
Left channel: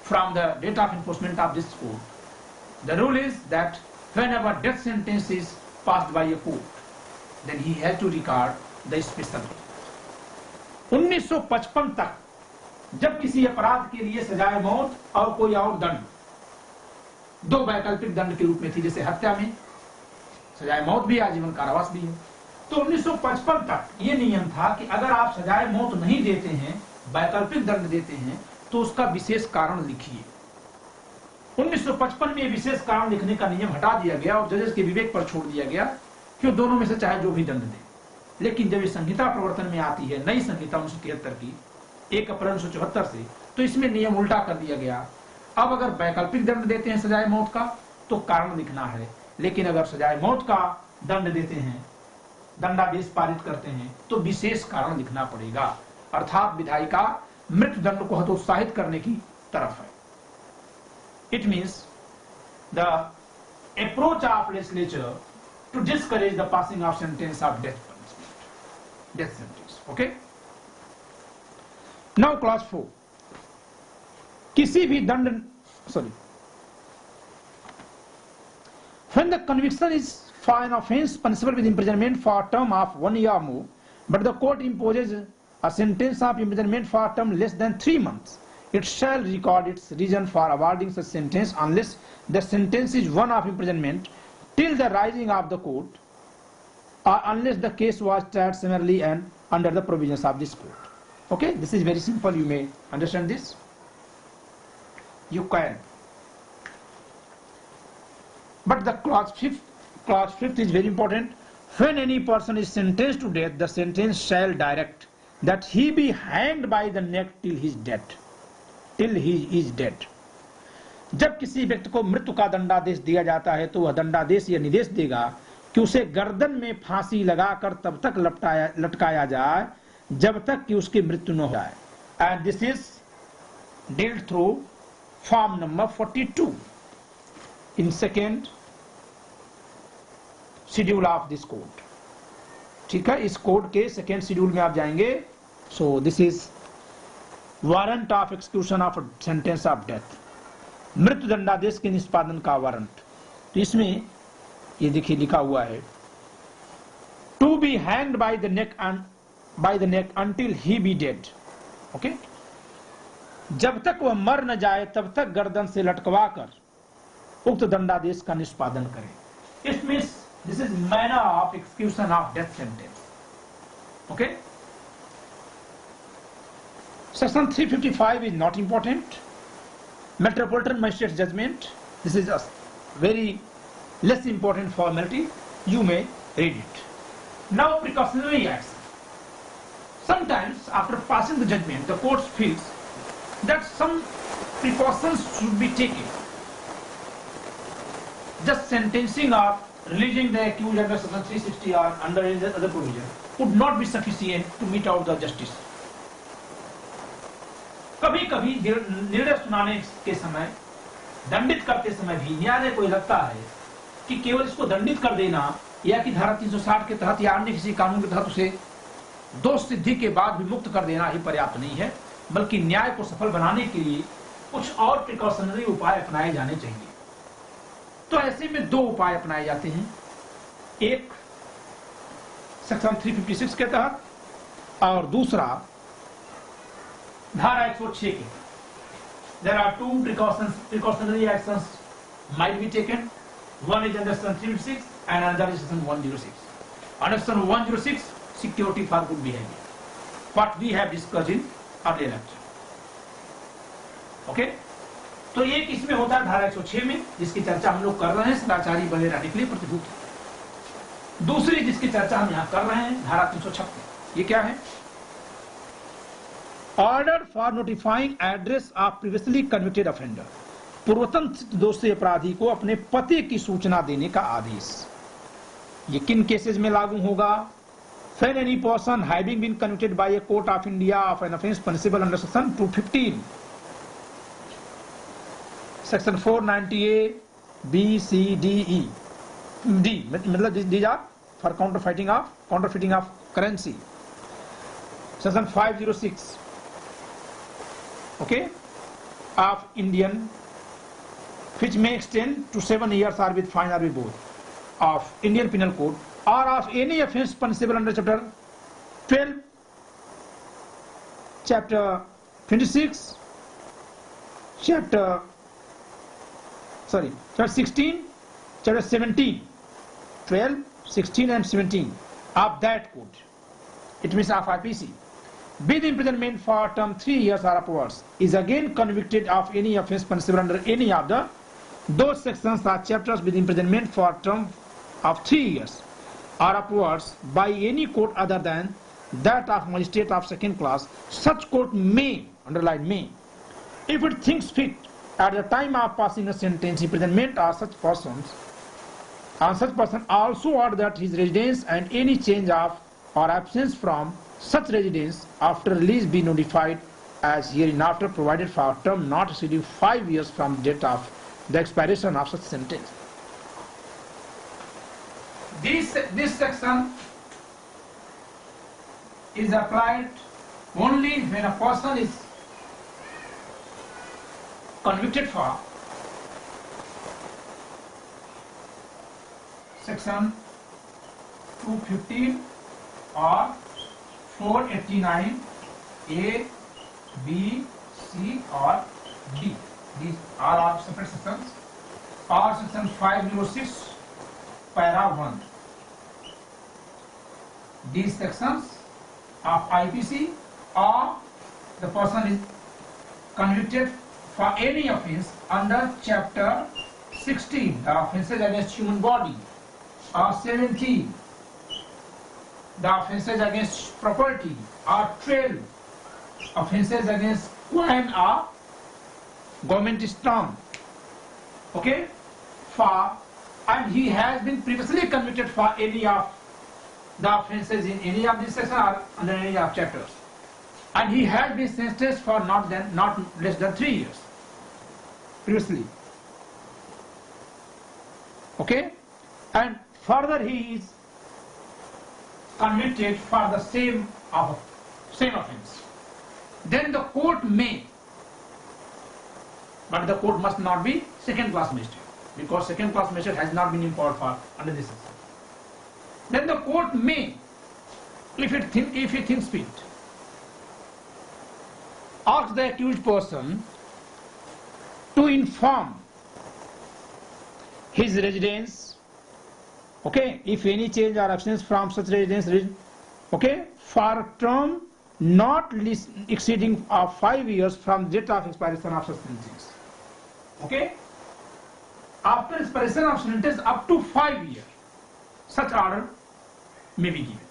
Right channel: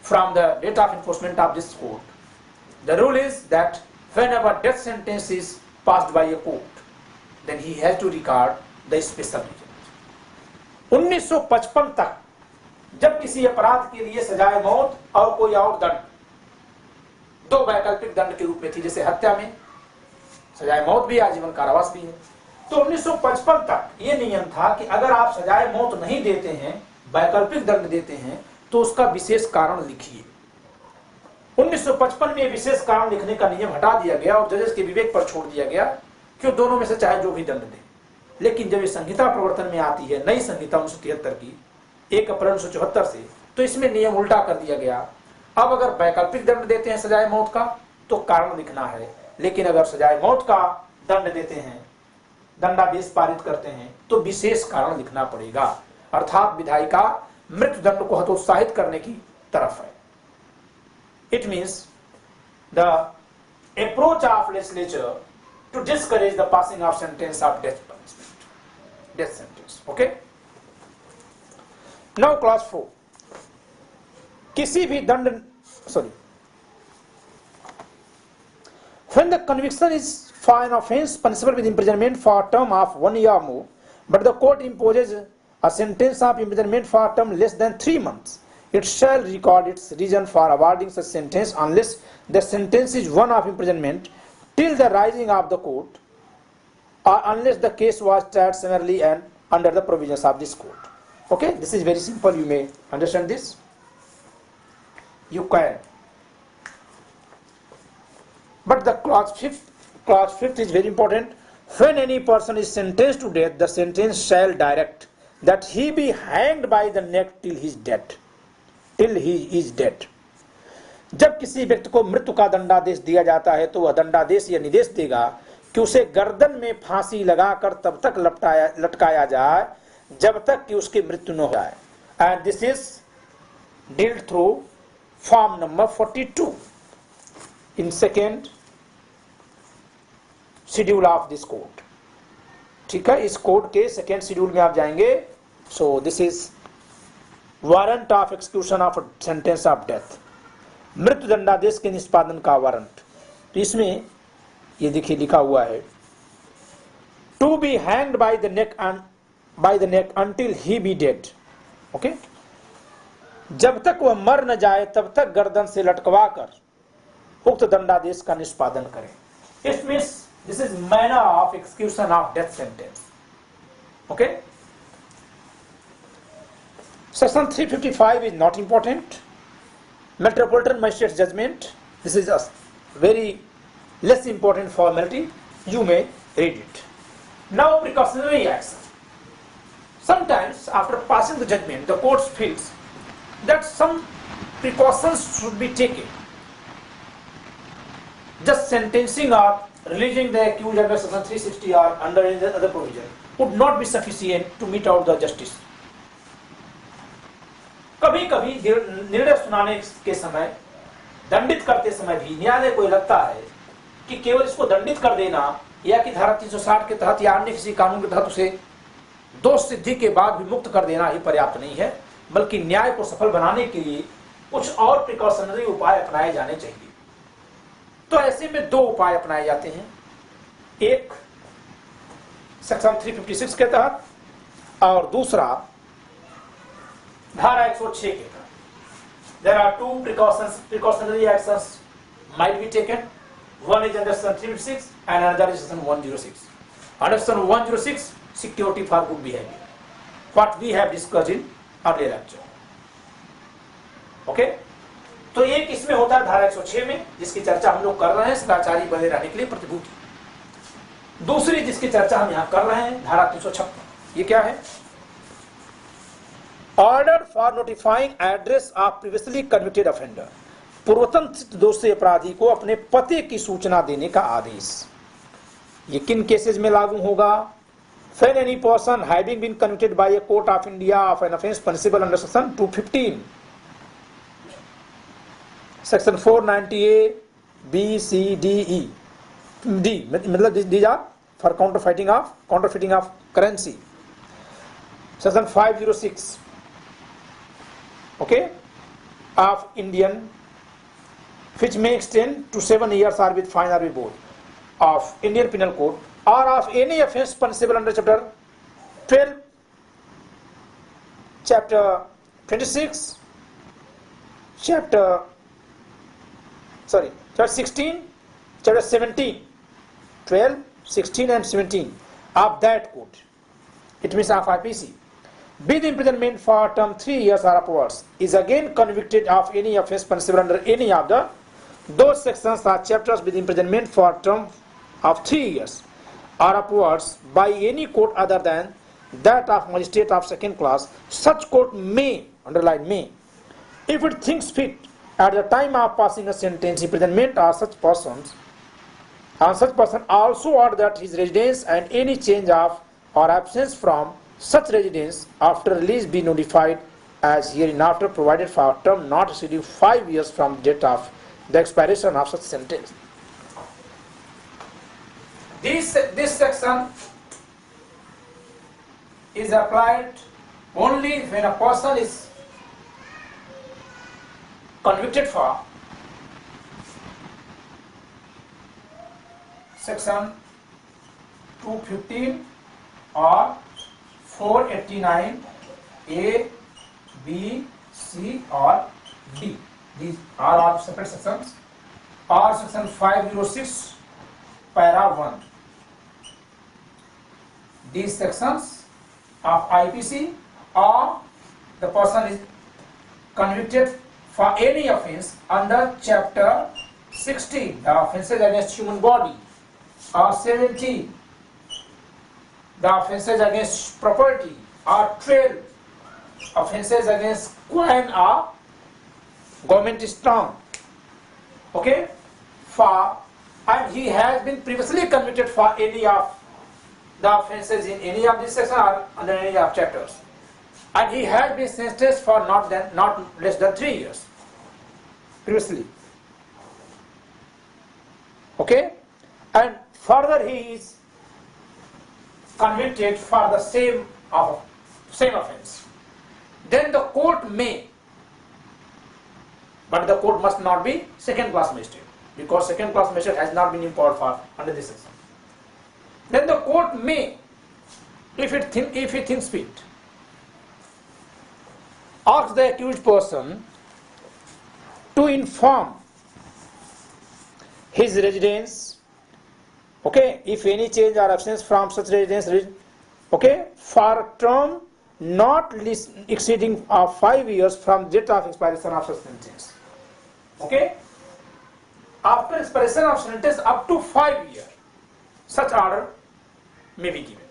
from the date of enforcement of this code, the rule is that whenever death sentence is passed by a court, then he has to record the special reason. 1955 तक जब किसी अपराध के लिए सजाए मौत और कोई और दंड, दो वैकल्पिक दंड के रूप में थी, जैसे हत्या में सजाए मौत भी, आजीवन कारावास भी है। तो 1955 तक ये नियम था कि अगर आप सजाए मौत नहीं देते हैं, वैकल्पिक दंड देते हैं, तो उसका विशेष कारण लिखिए। 1955 में विशेष कारण लिखने का नियम हटा दिया गया और जजेस के विवेक पर छोड़ दिया गया कि दोनों में से चाहे जो भी दंड दे। लेकिन जब ये संहिता प्रवर्तन में आती है, नई संहिता 1973 की 1 अप्रैल 1974 से, तो इसमें नियम उल्टा कर दिया गया। अब अगर वैकल्पिक दंड देते हैं सजाए मौत का तो कारण लिखना है, लेकिन अगर सजाए मौत का दंड देते हैं, दंडादेश पारित करते हैं, तो विशेष कारण लिखना पड़ेगा। अर्थात विधायी का मृत्यु दंड को हतोत्साहित करने की तरफ है। It means the approach of legislature to discourage the passing of sentence of death punishment, death sentence. Okay? Now class 4. किसी भी दंड, when the conviction is for an offence punishable with imprisonment for a term of 1 year or more, but the court imposes a sentence of imprisonment for a term less than 3 months, it shall record its reason for awarding such sentence unless the sentence is one of imprisonment till the rising of the court, or unless the case was tried summarily and under the provisions of this court. Okay, this is very simple. You may understand this. You can. But the clause fifth is very important. When any person is sentenced to death, the sentence shall direct that he be hanged by the neck till he is dead. Till he is dead. जब किसी व्यक्ति को मृत्यु का दंडादेश दिया जाता है तो वह दंडादेश या निर्देश देगा कि उसे गर्दन में फांसी लगाकर तब तक लटकाया जाए जब तक कि उसकी मृत्यु न हो जाए। And this is dealt through form number 42 in second schedule of this code. ठीक है, इस कोड के सेकेंड शेड्यूल में आप जाएंगे। So this is warrant of execution of sentence of death, मृत्यु दंडादेश के निष्पादन का वारंट। तो इसमें ये देखिए लिखा हुआ है, to be hanged by the neck until he be dead. Okay, जब तक वह मर न जाए तब तक गर्दन से लटकवा कर उक्त दंडादेश का निष्पादन करें। It means this is manner of execution of death sentence. Okay, Section 355 is not important. Metropolitan Magistrate's judgment, this is a very less important formality. You may read it. Now precautionary action. Sometimes after passing the judgment, the court feels that some precautions should be taken. Just sentencing or releasing the accused under Section 360 or under any other provision would not be sufficient to mete out the justice. कभी कभी निर्णय सुनाने के समय, दंडित करते समय भी न्यायालय को लगता है कि केवल इसको दंडित कर देना या कि धारा 360 के तहत या अन्य किसी कानून के तहत उसे दोष सिद्धि के बाद भी मुक्त कर देना ही पर्याप्त नहीं है, बल्कि न्याय को सफल बनाने के लिए कुछ और प्रिकॉशनरी उपाय अपनाए जाने चाहिए। तो ऐसे में दो उपाय अपनाए जाते हैं, एक सेक्शन 356 के तहत और दूसरा धारा 106 के तहत। There are two precautionary actions might be taken. One is under Section 356 and another is Section 106. Under Section 106, security for good behavior, what we have discussed in earlier lecture. Okay? तो एक इसमें होता है धारा 106 में, जिसकी चर्चा हम लोग कर रहे हैं सदाचारी बने रहने के लिए प्रतिभूति। दूसरी जिसकी चर्चा हम यहाँ कर रहे हैं धारा 356, ये क्या है? Order for notifying address of previously convicted offender, पूर्वतन दोषी अपराधी को अपने पते की सूचना देने का आदेश। ये किन केसेस में लागू होगा? When any person having been convicted by a court of India of an offence punishable under section 215, section 490A, B, C, D, E, D, मतलब these are for counterfeiting of currency. Section 506, okay, of Indian, which may extend to 7 years or with fine or with both, of Indian Penal Code, or of any offence punishable under chapter 12, chapter 26, chapter 16, chapter 17, 12, 16 and 17 of that code. It means of IPC. With imprisonment for term 3 years or upwards, is again convicted of any offence punishable under any of those sections or chapters with imprisonment for term of 3 years or upwards by any court other than that of magistrate of second class, such court may, underline may, if it thinks fit, at the time of passing a sentence, imprisonment on such person also order that his residence and any change of or absence from such residence after release be notified as hereinafter, provided for a term not exceeding 5 years from the date of the expiration of such sentence. This section is applied only when a person is convicted for section 215 or 489 A, B, C or D. These are all separate sections. Or section 506 para 1. These sections of IPC, or the person is convicted for any offence under chapter 16, the offences against human body, or 17, the offences against property, or 12, offences against coin or government strong. Okay? And he has been previously convicted for any of the offences in any of these sections or under any of chapters, and he has been sentenced for not less than 3 years previously. Okay, and further he is convicted for the same offence, then the court may, but the court must not be second class magistrate, because second class magistrate has not been empowered for under this section. Then the court may, if he thinks fit, ask the accused person to inform his residence, okay, if any change or absence from such residence, okay, for a term not exceeding 5 years from date of expiration of such sentence. Okay, after expiration of sentence up to 5 years, such order may be given.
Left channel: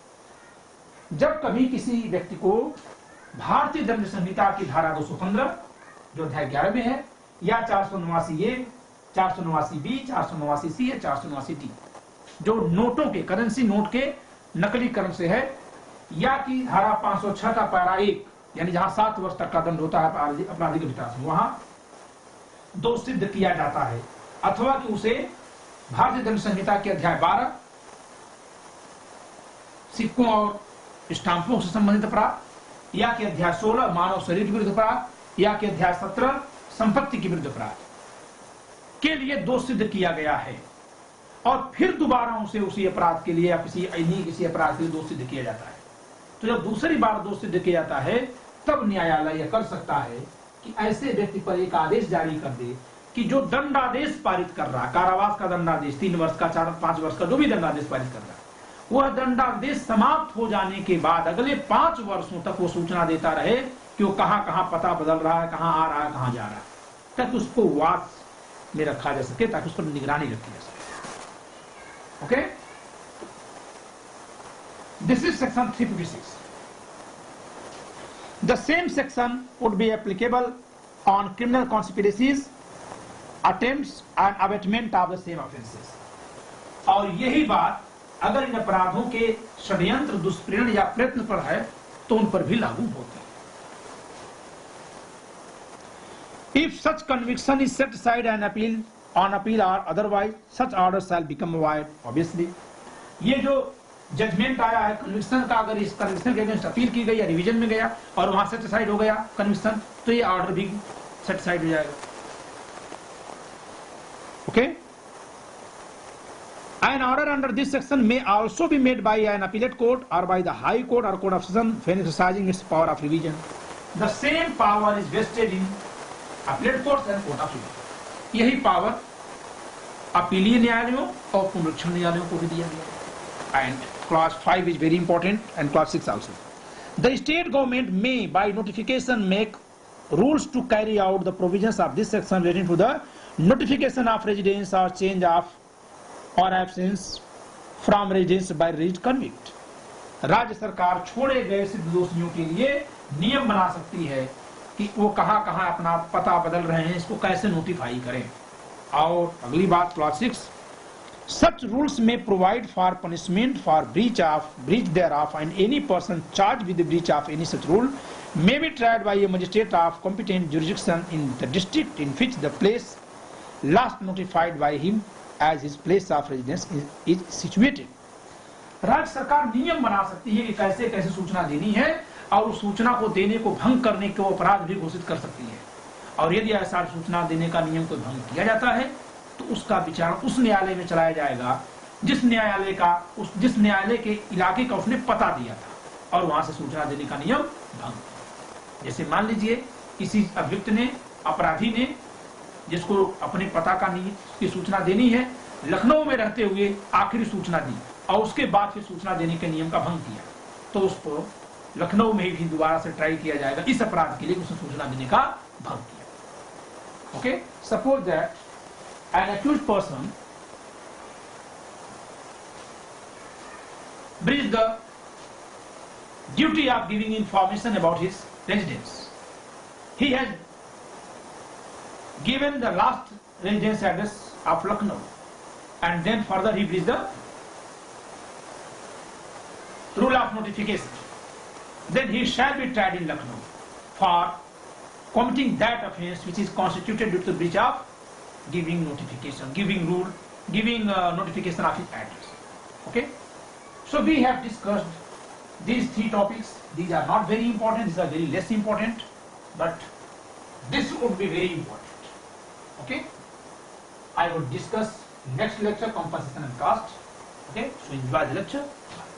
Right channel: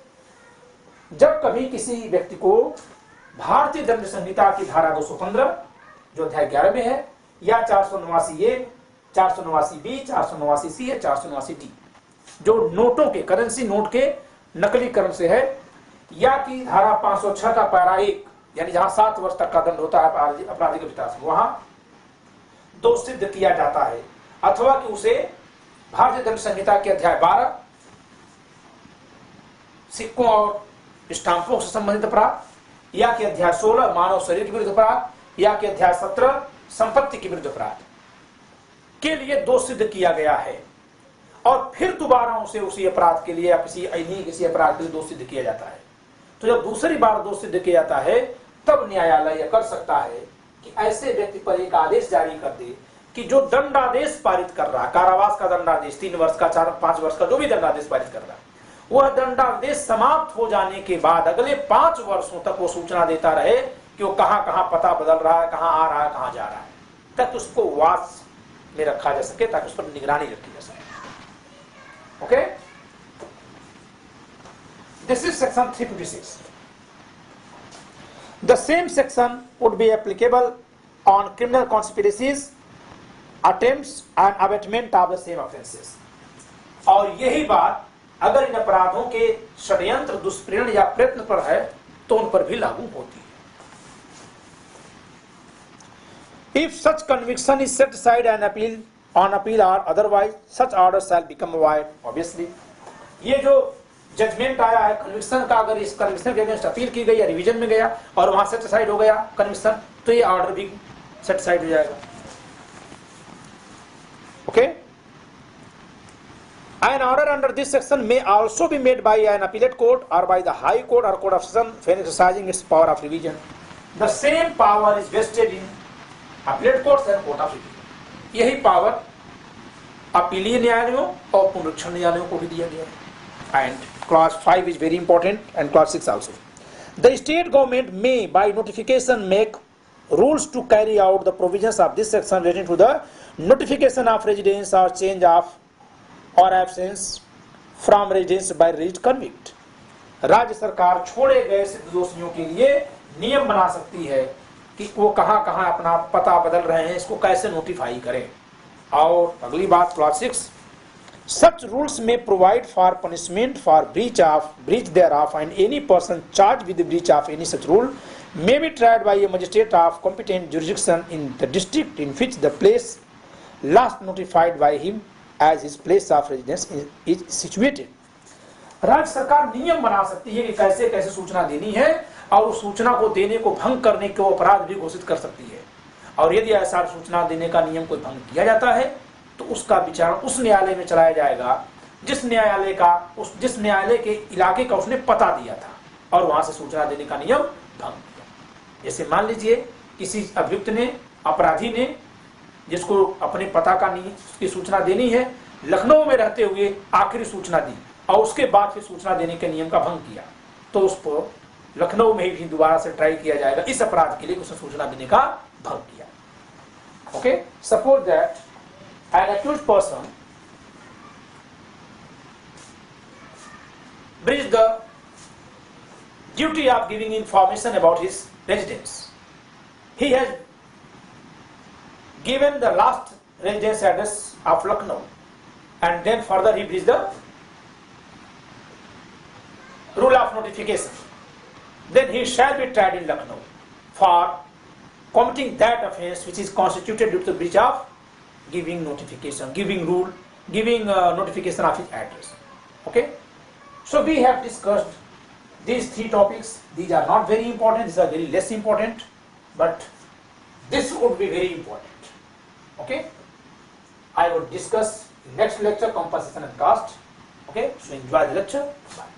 जब कभी किसी व्यक्ति को भारतीय दंड संहिता की धारा 215 जो अध्याय 11 में है, या 489 ए, 489 बी, 489 सी या 489 डी, जो नोटों के, करेंसी नोट के नकलीकरण से है, या कि धारा 506 का पैरा 1, यानी जहां 7 वर्ष तक का दंड होता है आपराधिक विकास, वहां दोष सिद्ध किया जाता है, अथवा कि उसे भारतीय दंड संहिता के अध्याय 12 सिक्कों और स्टाम्पों से संबंधित अपराध, या कि अध्याय 16 मानव शरीर के विरुद्ध अपराध, या कि अध्याय 17 संपत्ति के विरुद्ध अपराध के लिए दोष सिद्ध किया गया है, और फिर दोबारा उसे उसी अपराध के लिए या किसी अपराध के लिए दोष सिद्ध किया जाता है। तो जब दूसरी बार दोष सिद्ध किया जाता है, तब न्यायालय यह कर सकता है कि ऐसे व्यक्ति पर एक आदेश जारी कर दे कि जो दंडादेश पारित कर रहा, कारावास का दंडादेश 3 वर्ष का, 4-5 वर्ष का, जो भी दंडादेश पारित कर रहा है, वह दंडादेश समाप्त हो जाने के बाद अगले 5 वर्षों तक वो सूचना देता रहे कि वो कहां पता बदल रहा है, कहां आ रहा है, कहां जा रहा है, ताकि उसको वास में रखा जा सके, ताकि उस पर निगरानी रखी जा सके। Okay, this is section 356. The same section would be applicable on criminal conspiracies, attempts and abatement of the same offences. और यही बात अगर इन अपराधों के षड्यंत्र, दुष्प्रेरण या प्रयत्न पर है, तो उन पर भी लागू होती है। If such conviction is set aside and on appeal or otherwise, such order shall become void. Obviously, ये जो जजमेंट आया है कन्विक्शन का, अगर इस कन्विक्शन के अगेंस्ट अपील की गई या रिवीजन में गया और वहां सेट असाइड हो गया कन्विक्शन, तो ये ऑर्डर भी सेट असाइड हो जाएगा। Okay, an order under this section may also be made by an appellate court or by the high court or court of session when exercising its power of revision. the same power is vested in appellate courts and court of appeal. यही power अपीलीय न्यायालयों और पुनरीक्षण न्यायालयों को भी दिया गया है. And clause 5 is very important and clause 6 also. The state government may by notification make rules to carry out the provisions of this section relating to the notification of residence or change of or absence from residence by released convict. राज्य सरकार छोड़े गए सिद्ध दोषियों के लिए नियम बना सकती है कि वो कहां कहां अपना पता बदल रहे हैं, इसको कैसे नोटिफाई करें. और अगली बात clause 6, such rules may provide for punishment for breach thereof, and any person charged with the breach of any such rule may be tried by a magistrate of competent jurisdiction in the district in which the place last notified by him as his place of residence is situated. राज्य सरकार नियम बना सकती है कि कैसे कैसे सूचना देनी है, और उस सूचना को देने को भंग करने को अपराध भी घोषित कर सकती है. और यदि ऐसा सूचना देने का नियम कोई भंग किया जाता है तो उसका विचारण उस न्यायालय में चलाया जाएगा जिस न्यायालय के इलाके का उसने पता दिया था और वहां से सूचना देने का नियम भंग. जैसे मान लीजिए किसी अभियुक्त ने, अपराधी ने, जिसको अपने पता की सूचना देनी है, लखनऊ में रहते हुए आखिरी सूचना दी और उसके बाद फिर सूचना देने के नियम का भंग किया, तो उस पर लखनऊ में भी दोबारा से ट्राई किया जाएगा इस अपराध के लिए उसने सूचना देने का भंग किया. Okay, suppose that an accused person breached the duty of giving information about his residence. He has given the last residence address of Lucknow, and then further he breached the rule of notification. Then he shall be tried in Lucknow for committing that offence which is constituted due to the breach of giving notification of his address. Okay, so we have discussed these 3 topics. These are not very important, these are very less important, but this would be very important. Okay, I would discuss next lecture compensation and cost. Okay, so enjoy the lecture. Bye.